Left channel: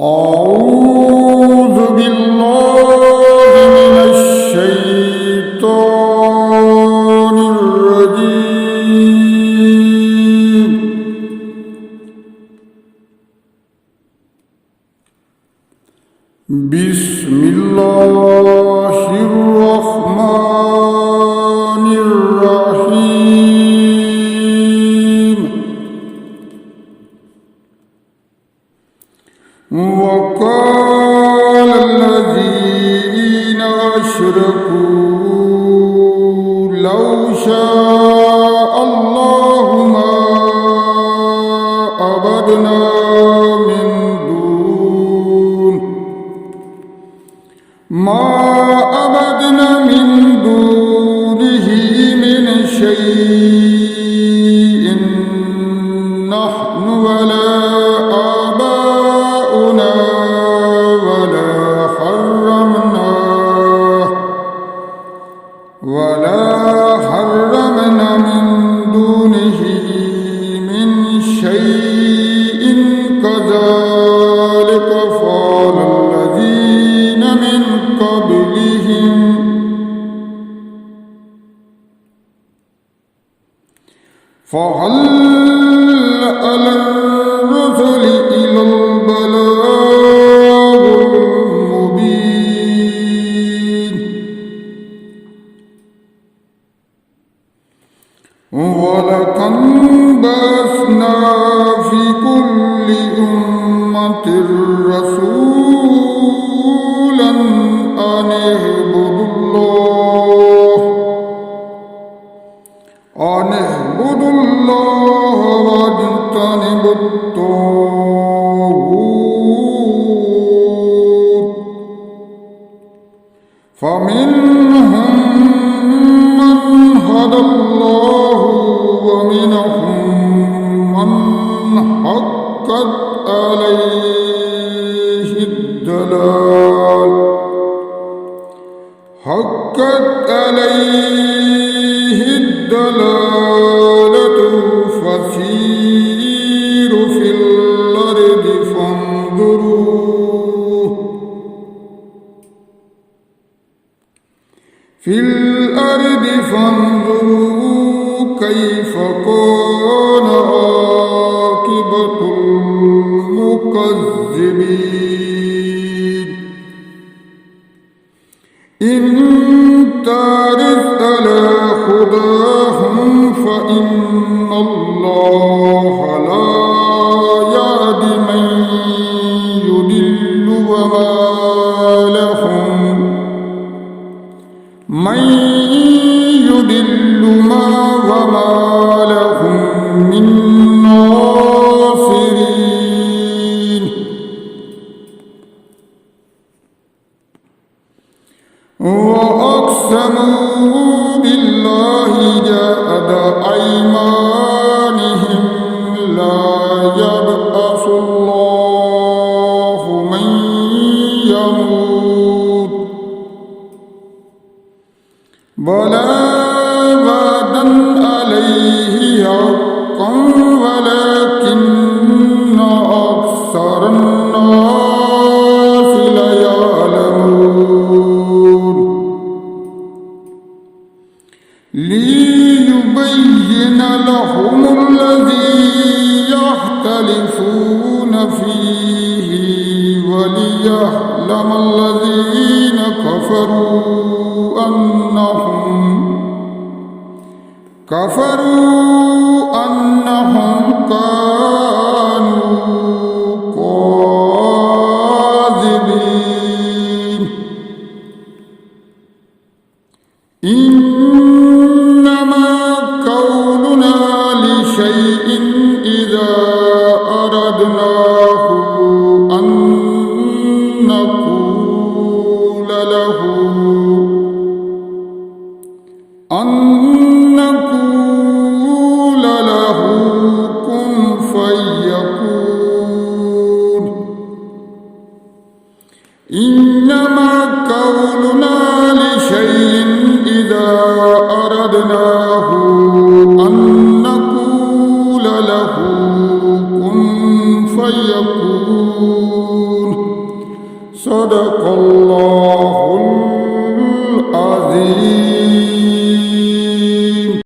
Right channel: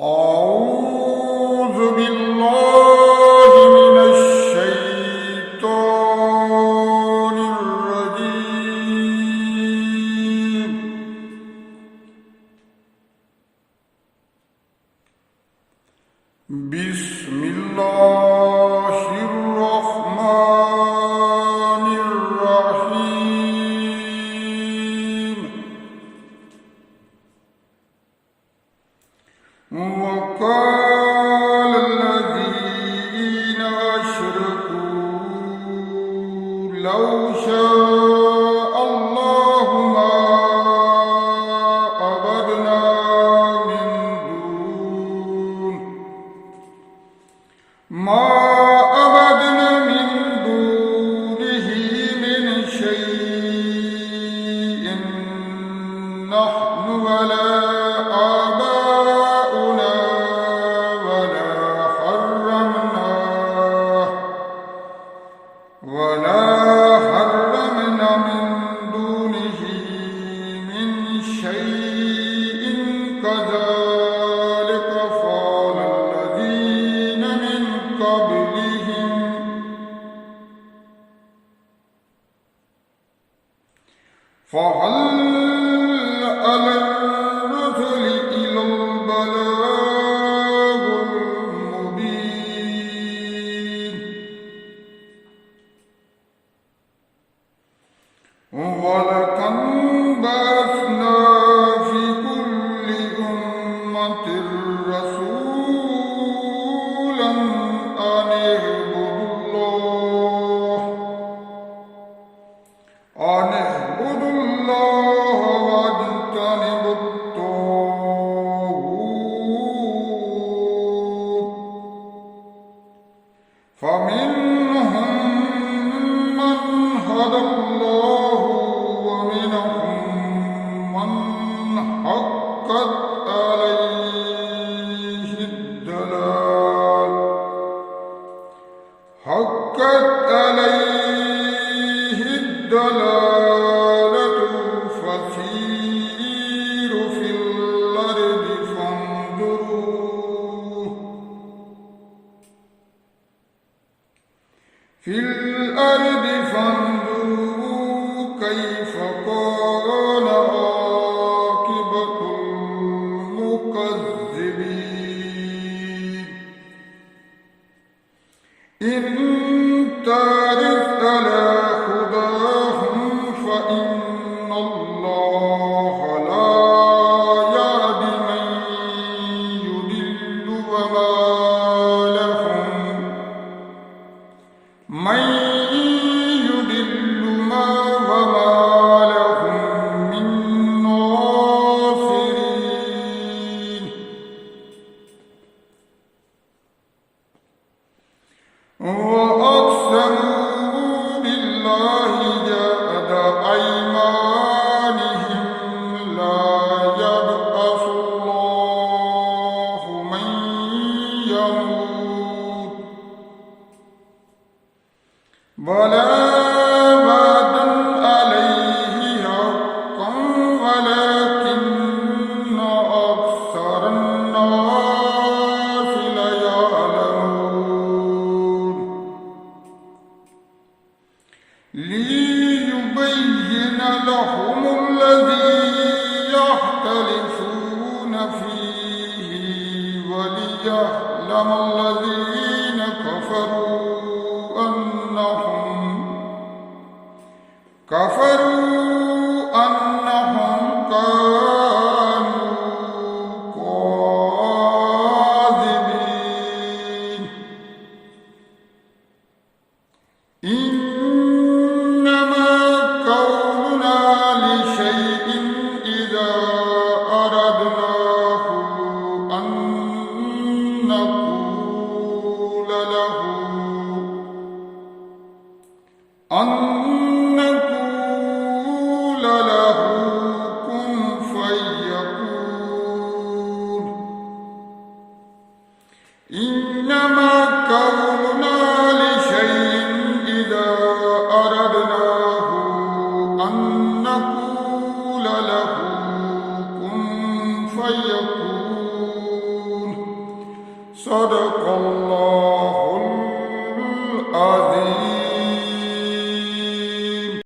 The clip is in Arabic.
أعوذ بالله من الشيطان الرجيم. بسم الله الرحمن الرحيم. وقال الذين أشركوا لو شاء الله ما عبدنا من دونه من شيء نحن ولا آباؤنا ولا حرمنا من دونه من شيء كذلك فعل الذين من قبلهم فهل على الرسل إلا البلاغ المبين. ولقد بعثنا في كل أمة رسولا أن اعبدوا الله واجتنبوا الطاغوت فمنهم من هدى الله ومنهم من حقت عليه الدلالة فسيروا في الأرض فانظروا كيف كان عاقبة المكذبين. إن تعرض على هداهم فإن الله لا يهدي من يضل وما لهم من ناصرين. وأقسموا بالله جهد أيمانهم لا يبعث الله من يموت بلى وعدا عليه حقا ولكن أكثر الناس لا يعلمون. ليبين لهم الذي يختلفون فيه وليعلم الذين كفروا أنهم كانوا كاذبين. إنما قولنا لشيء إذا أردناه أن نقول له كن فيكون. إنما قولنا لشيء إذا أردناه أن نقول له كن فيكون. صدق الله